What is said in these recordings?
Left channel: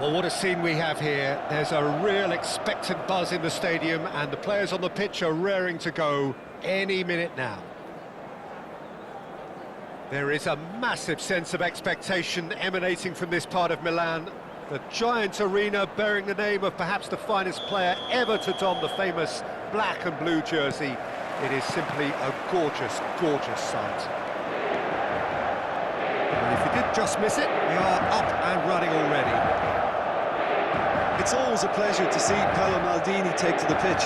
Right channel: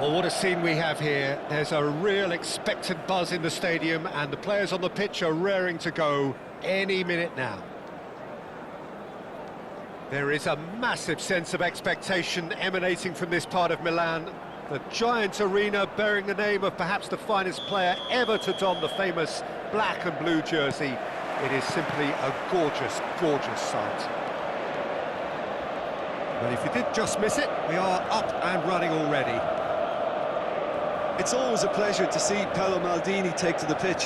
Well, what a scene we have here. There's a real expectant buzz in the stadium, and the players on the pitch are raring to go any minute now. There is a massive sense of expectation emanating from this part of Milan. The giant arena bearing the name of perhaps the finest player ever to don the famous black and blue jersey. It is simply a gorgeous, gorgeous sight. Well, if you did just miss it, we are up and running already. It's always a pleasure to see Paolo Maldini take to the pitch.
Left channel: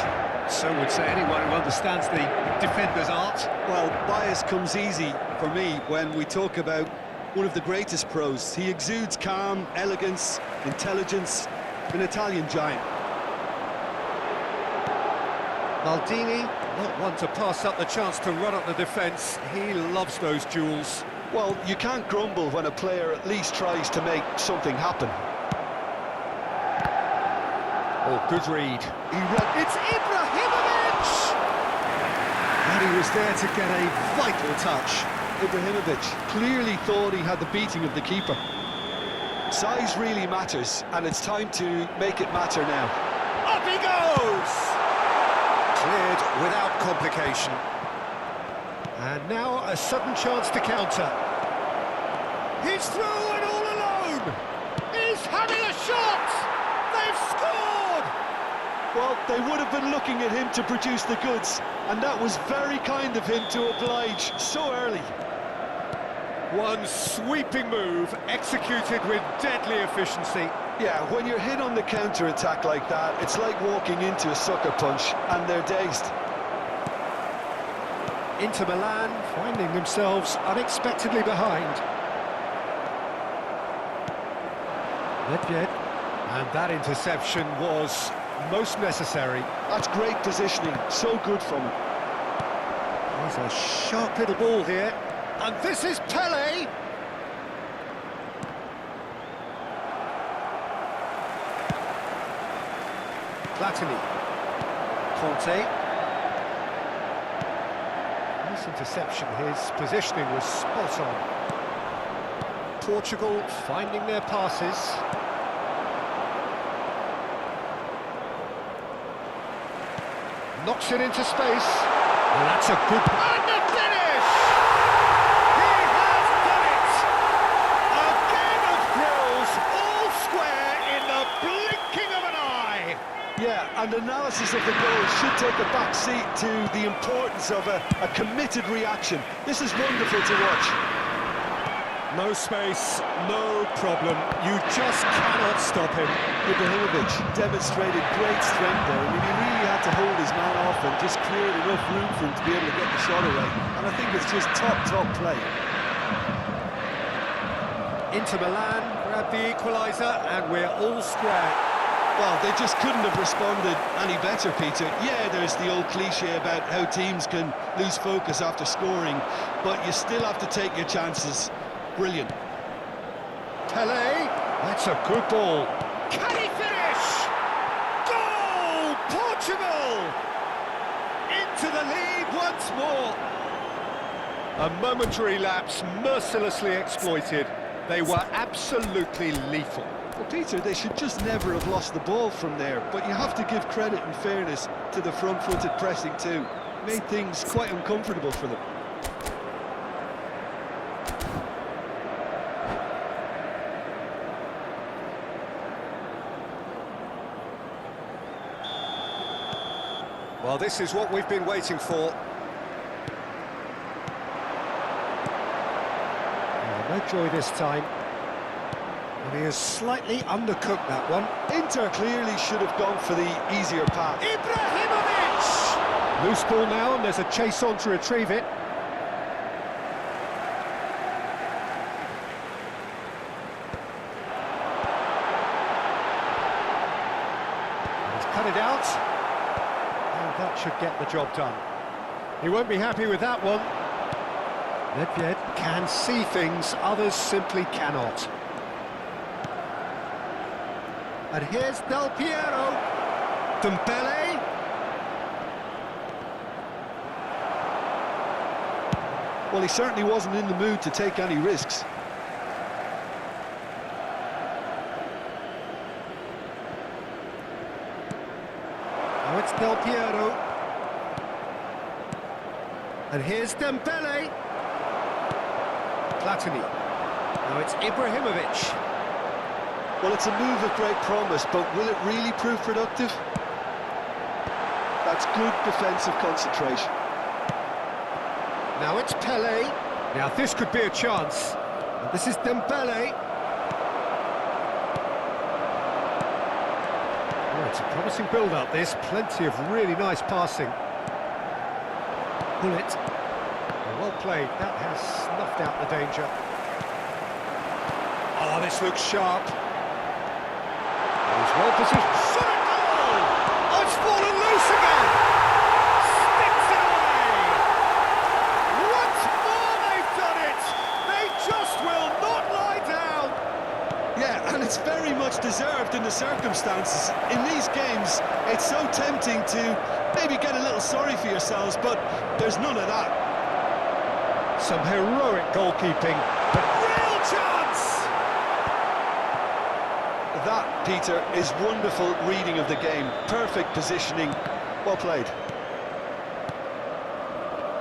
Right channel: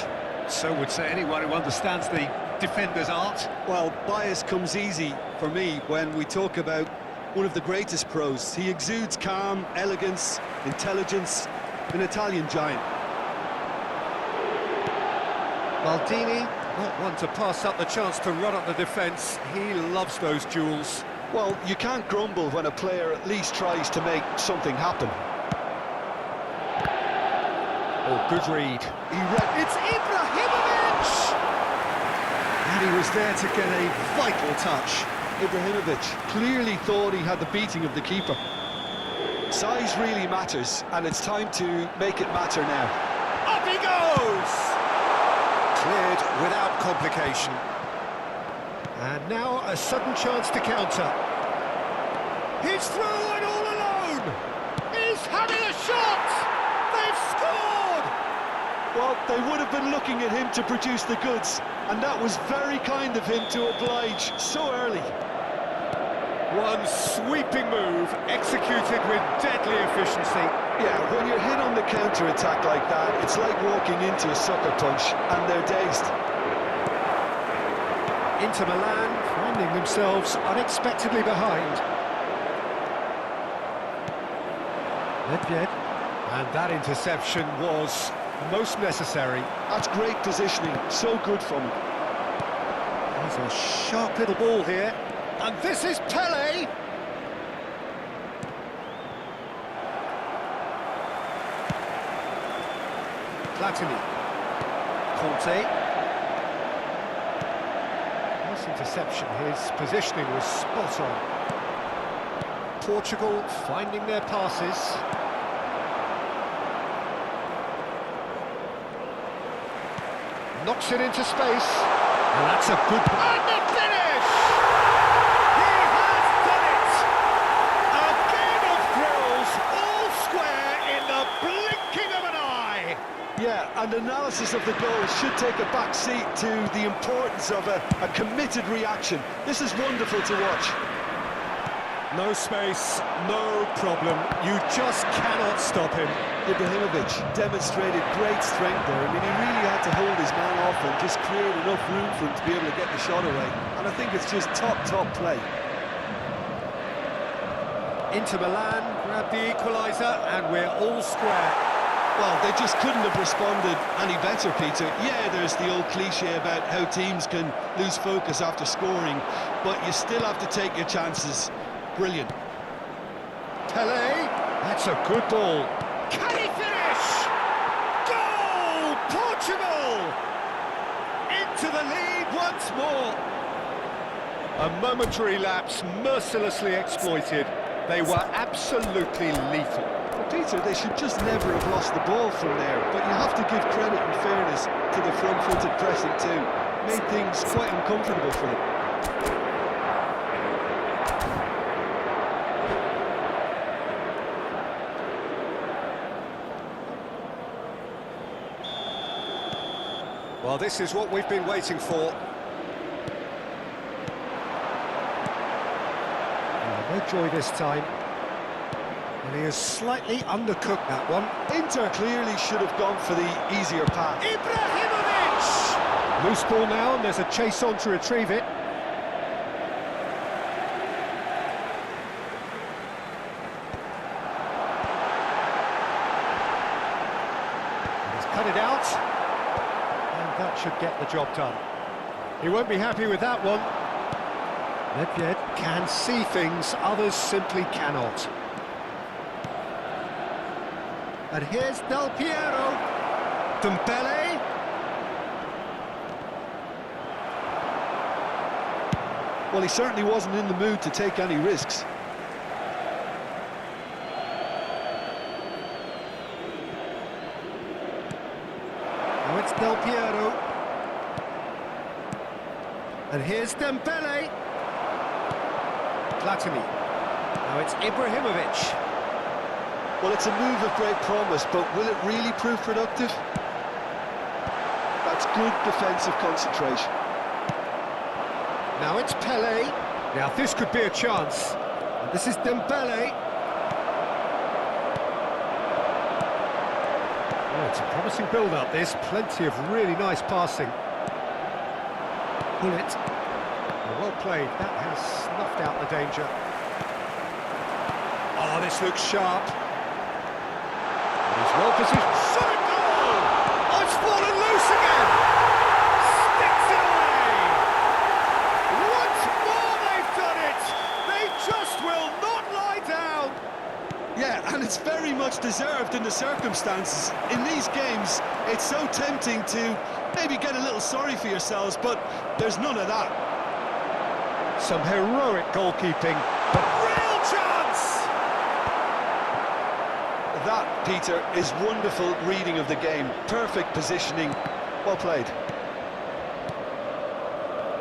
So would say anyone who understands the defender's art. Well, bias comes easy for me when we talk about one of the greatest pros. He exudes calm, elegance, intelligence, an Italian giant. Maldini, not one to pass up the chance to run up the defence. He loves those duels. Well, you can't grumble when a player at least tries to make something happen. Oh, good read. It's Ibrahimovic! And he was there to get a vital touch. Ibrahimovic clearly thought he had the beating of the keeper. Size really matters, and it's time to make it matter now. Up he goes! Cleared without complication. And now a sudden chance to counter. He's through and all alone! He's having a shot! They've scored! Well, they would have been looking at him to produce the goods, and that was very kind of him to oblige so early. One sweeping move, executed with deadly efficiency. Yeah, when you're hit on the counter-attack like that, it's like walking into a sucker punch, and they're dazed. Inter Milan finding themselves unexpectedly behind. Nedved. And that interception was most necessary. That's great positioning, so good from him. There's a sharp little ball here. And this is Pele! Platini. Conte. Nice interception, his positioning was spot on. Portugal finding their passes. Knocks it into space. And that's a good... And the finish! He has done it! A game of thrills, all square in the blinking of an eye! Yeah, and analysis of the goal should take a back seat to the importance of a committed reaction. This is wonderful to watch. No space, no problem. You just cannot stop him. Ibrahimovic demonstrated great strength there. I mean, he really had to hold his man off and just create enough room for him to be able to get the shot away. And I think it's just top play. Inter Milan grab the equaliser, and we're all square. Well, they just couldn't have responded any better, Peter. Yeah, there's the old cliche about how teams can lose focus after scoring, but you still have to take your chances. Brilliant. Pele, that's a good ball. Can he finish? Goal! Portugal! Into the lead once more. A momentary lapse mercilessly exploited. They were absolutely lethal. Well, Peter, they should just never have lost the ball from there, but you have to give credit and fairness to the front-footed pressing too. Made things quite uncomfortable for them. Well, this is what we've been waiting for. No joy this time. And he has slightly undercooked that one. Inter clearly should have gone for the easier path. Ibrahimovic! Loose ball now, and there's a chase on to retrieve it. And he's cut it out. And that should get the job done. He won't be happy with that one. Nedved can see things others simply cannot. And here's Del Piero. Dembele. Well, he certainly wasn't in the mood to take any risks. Now it's Del Piero. And here's Dembele. Platini. Now it's Ibrahimovic. Well, it's a move of great promise, but will it really prove productive? That's good defensive concentration. Now it's Pele. Now this could be a chance. And this is Dembele. Oh, it's a promising build-up, this. Plenty of really nice passing. Pull it. Well played. That has snuffed out the danger. Oh, this looks sharp. He's well positioned. Shot at goal! Oh, it's fallen loose again! Sticks it away! Once more they've done it! They just will not lie down! Yeah, and it's very much deserved in the circumstances. In these games, it's so tempting to maybe get a little sorry for yourselves, but there's none of that. Some heroic goalkeeping, but real chance! That, Peter, is wonderful reading of the game. Perfect positioning. Well played.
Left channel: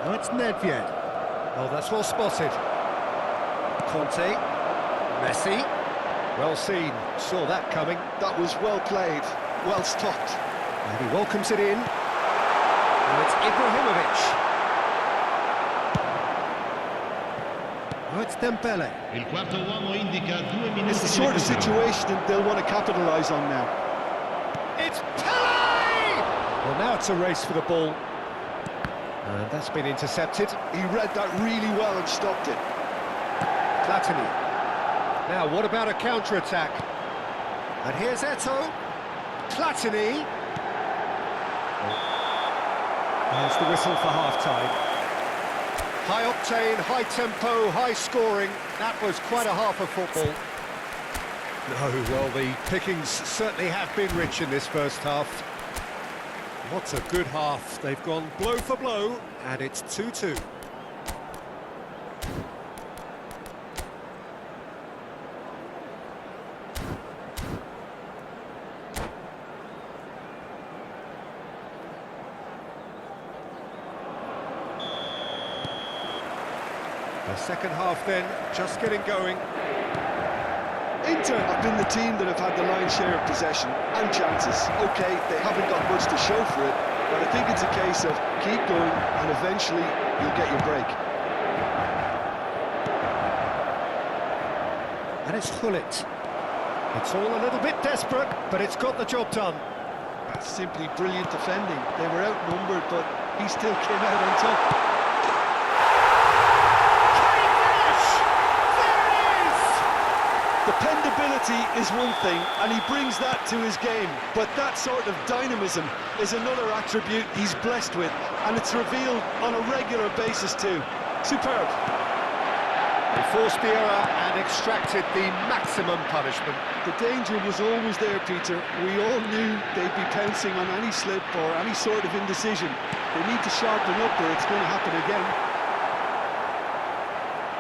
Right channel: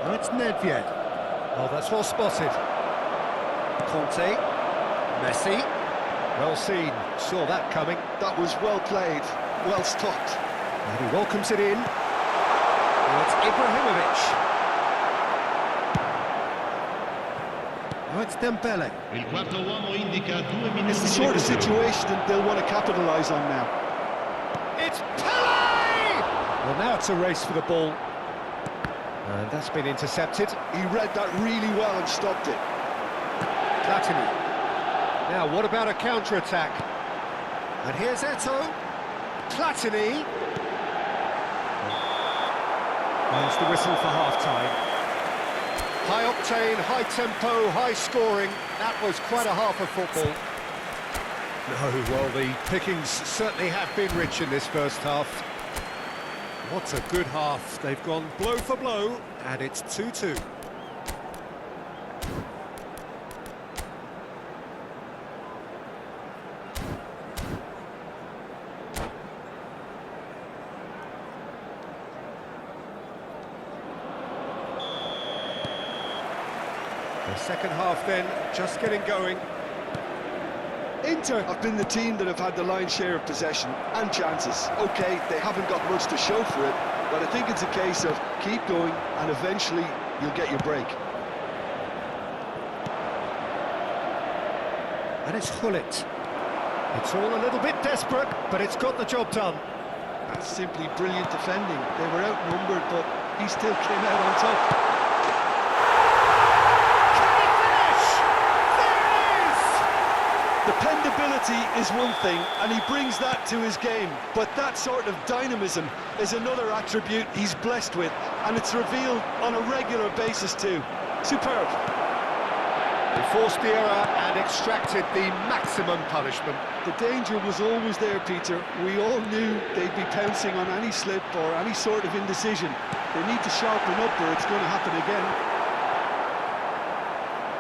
Now it's Nedved. Oh, that's well spotted. Conte. Messi. Well seen. Saw that coming. That was well played. Well stopped. And he welcomes it in. Now it's Ibrahimovic. Now it's Dembele. Il quarto uomo indica 2 minuti. It's the sort of situation that they'll want to capitalise on now. It's Pele! Well, now it's a race for the ball. And that's been intercepted. He read that really well and stopped it. Platini. Now, what about a counter-attack? And here's Eto'o. Platini. There's the whistle for half-time. High octane, high tempo, high scoring. That was quite a half of football. No, well, the pickings certainly have been rich in this first half. What a good half. They've gone blow for blow, and it's 2-2. The second half then, just getting going. Inter have been the team that have had the lion's share of possession and chances. OK, they haven't got much to show for it, but I think it's a case of keep going and eventually you'll get your break. And it's Hullet. It's all a little bit desperate, but it's got the job done. That's simply brilliant defending. They were outnumbered, but he still came out on top. Can he finish? There it is! Dependability is one thing, and he brings that to his game. But that sort of dynamism is another attribute he's blessed with, and it's revealed on a regular basis too. Superb. They forced the error and extracted the maximum punishment. The danger was always there, Peter. We all knew they'd be pouncing on any slip or any sort of indecision. They need to sharpen up or it's going to happen again.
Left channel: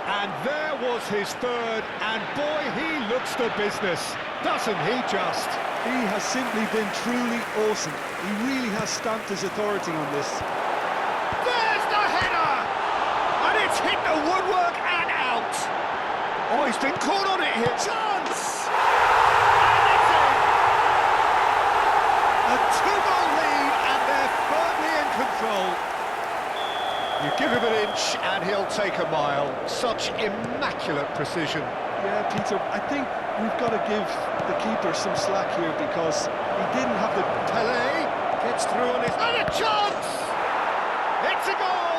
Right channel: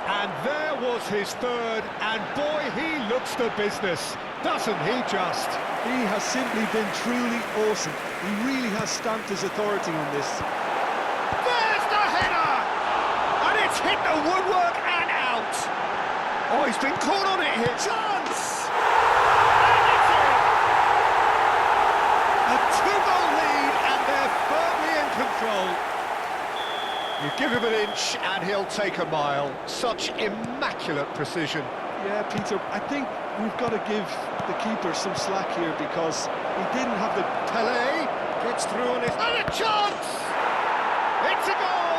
And there was his third, and boy, he looks the business, doesn't he just? He has simply been truly awesome. He really has stamped his authority on this. There's the header! And it's hit the woodwork and out. Oh, he's been caught on it here. Chance! And it's in! A two-goal lead, and they're firmly in control. You give him an inch, and he'll take a mile. Such immaculate precision. Yeah, Peter, I think we've got to give the keeper some slack here because he didn't have the... Pelé gets through on his... And a chance! It's a goal!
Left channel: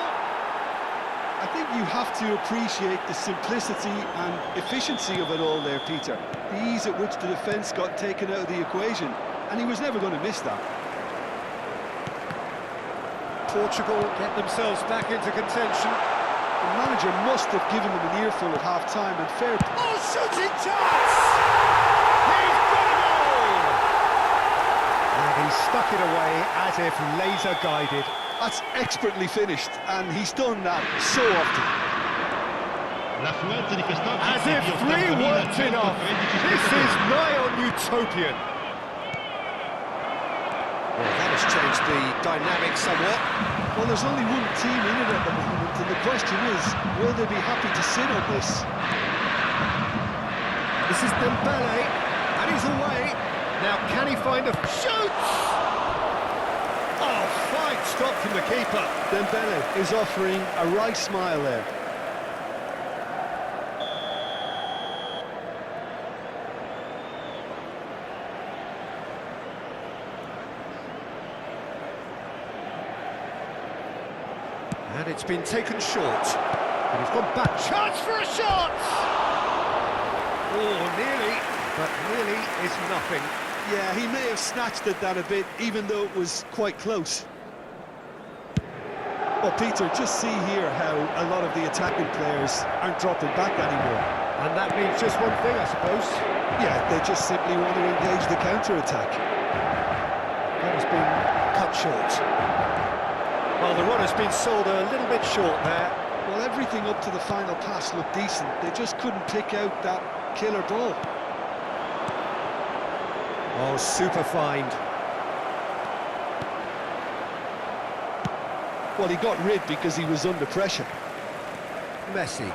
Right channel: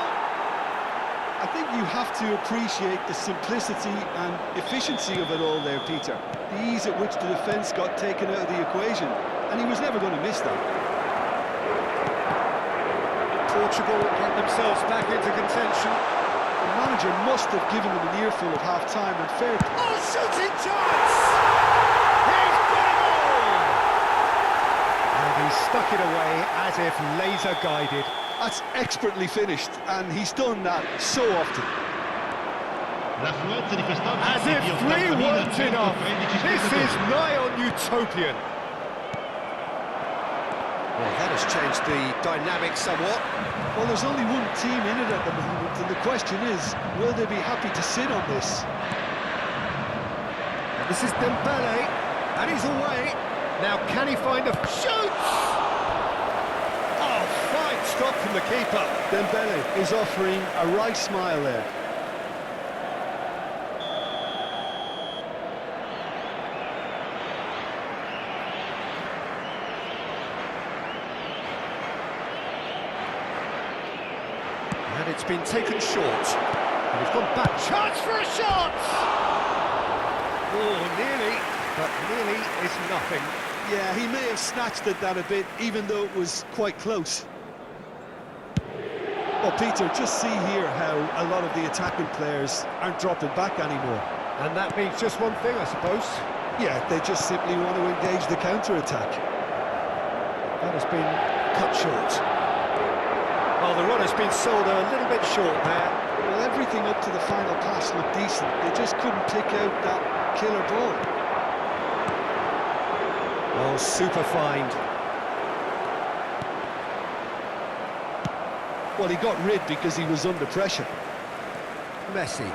I think you have to appreciate the simplicity and efficiency of it all there, Peter. The ease at which the defence got taken out of the equation, and he was never going to miss that. Portugal get themselves back into contention. The manager must have given them an earful at half-time, and fair... Oh, shooting chance! He's got a goal! And he stuck it away as if laser-guided. That's expertly finished, and he's done that so often. L'affluenza di quest'oggi As è if di 3 weren't 80.113 enough. This is spettatori. nigh on utopian. Well, that has changed the dynamic somewhat. Well, there's only one team in it at the moment, and the question is, will they be happy to sit on this? This is Dembele, and he's away. Now, can he find a... Shoots! Oh, fine stop from the keeper. Dembele is offering a wry smile there. And it's been taken short. And he's gone back. Chance for a shot! Oh, nearly, but nearly is nothing. Yeah, he may have snatched at that a bit, even though it was quite close. Well, Peter, just see here how a lot of the attacking players aren't dropping back anymore. And that means just one thing, I suppose. Yeah, they just simply want to engage the counter-attack. That has been cut short. Well, the run has been sold a little bit short there. Well, everything up to the final pass looked decent. They just couldn't pick out that killer ball. Oh, super find. Well, he got rid because he was under pressure. Messi.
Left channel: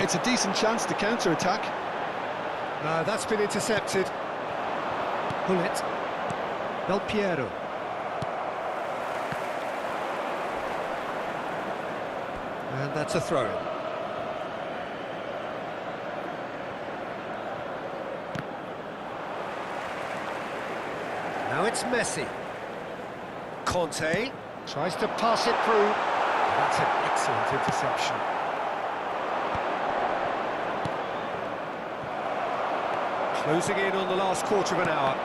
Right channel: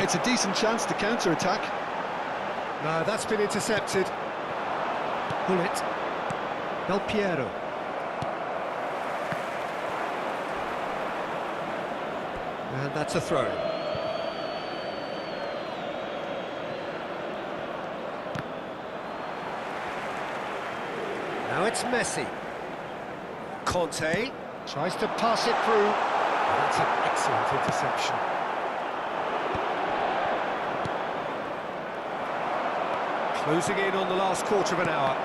It's a decent chance to counter-attack. No, that's been intercepted. Hullet. Del Piero. And that's a throw-in. Now it's Messi. Conte tries to pass it through. That's an excellent interception. Closing in on the last quarter of an hour.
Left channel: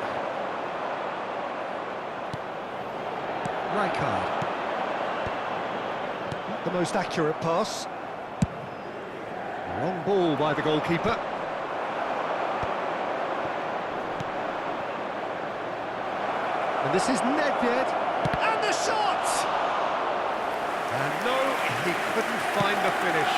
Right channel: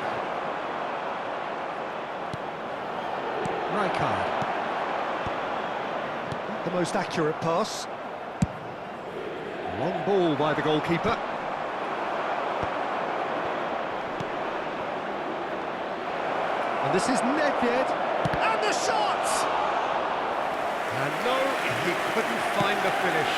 Rijkaard. Not the most accurate pass. Long ball by the goalkeeper. And this is Nedved. And the shot! And no, he couldn't find the finish.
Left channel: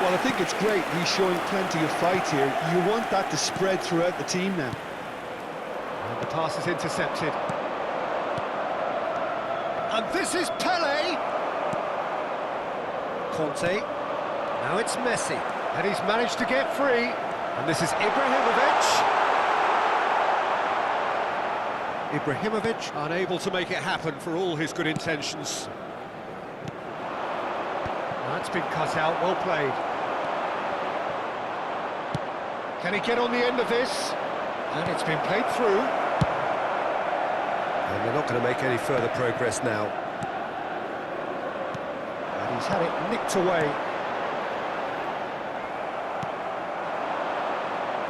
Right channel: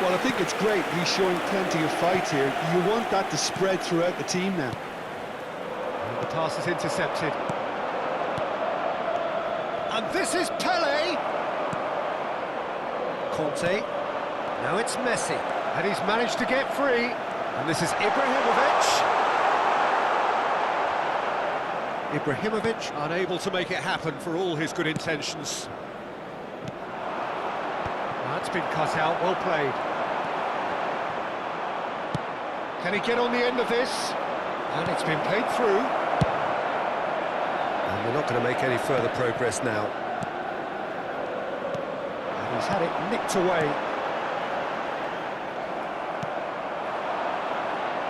Well, I think it's great he's showing plenty of fight here. You want that to spread throughout the team now. And the pass is intercepted. And this is Pelé. Conte. Now it's Messi. And he's managed to get free. And this is Ibrahimovic. Ibrahimovic unable to make it happen for all his good intentions. That's been cut out, well played. Can he get on the end of this? And it's been played through. And they're not going to make any further progress now. And he's had it nicked away.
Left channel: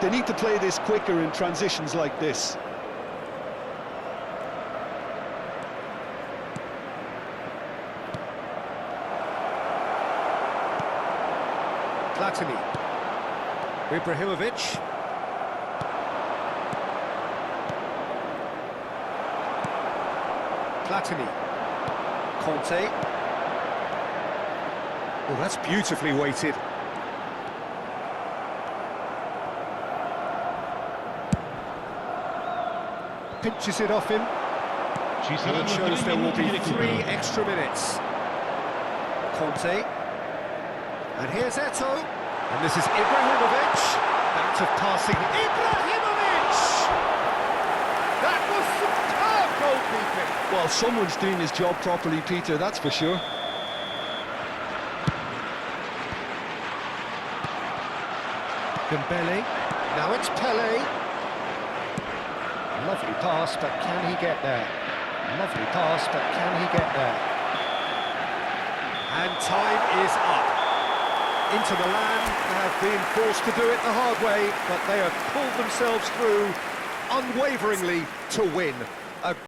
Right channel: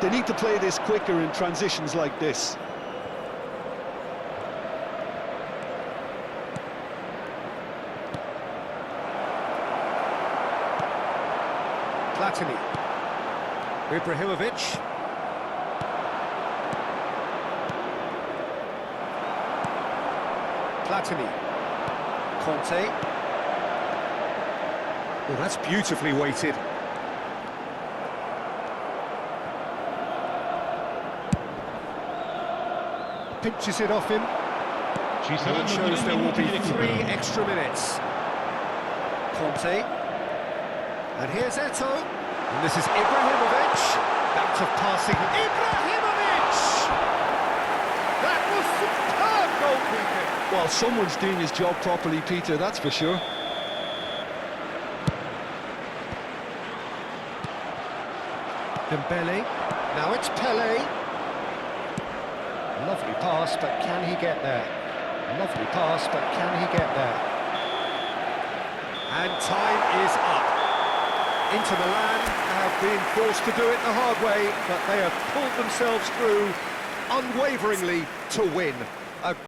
They need to play this quicker in transitions like this. Platini. Ibrahimovic. Platini. Conte. Oh, that's beautifully weighted. Pinches it off him. Ci And saranno it shows 3 there will minuti be di 3 recupero. extra minutes. Conte. And here's Eto'o. And this is Ibrahimovic. Act of passing. Ibrahimovic! That was superb goalkeeping. Well, someone's doing his job properly, Peter, that's for sure. Dembele. Now it's Pele. Lovely pass, but can he get there? Lovely pass, but can he get there? And time is up. Inter Milan have been forced to do it the hard way, but they have pulled themselves through unwaveringly to win.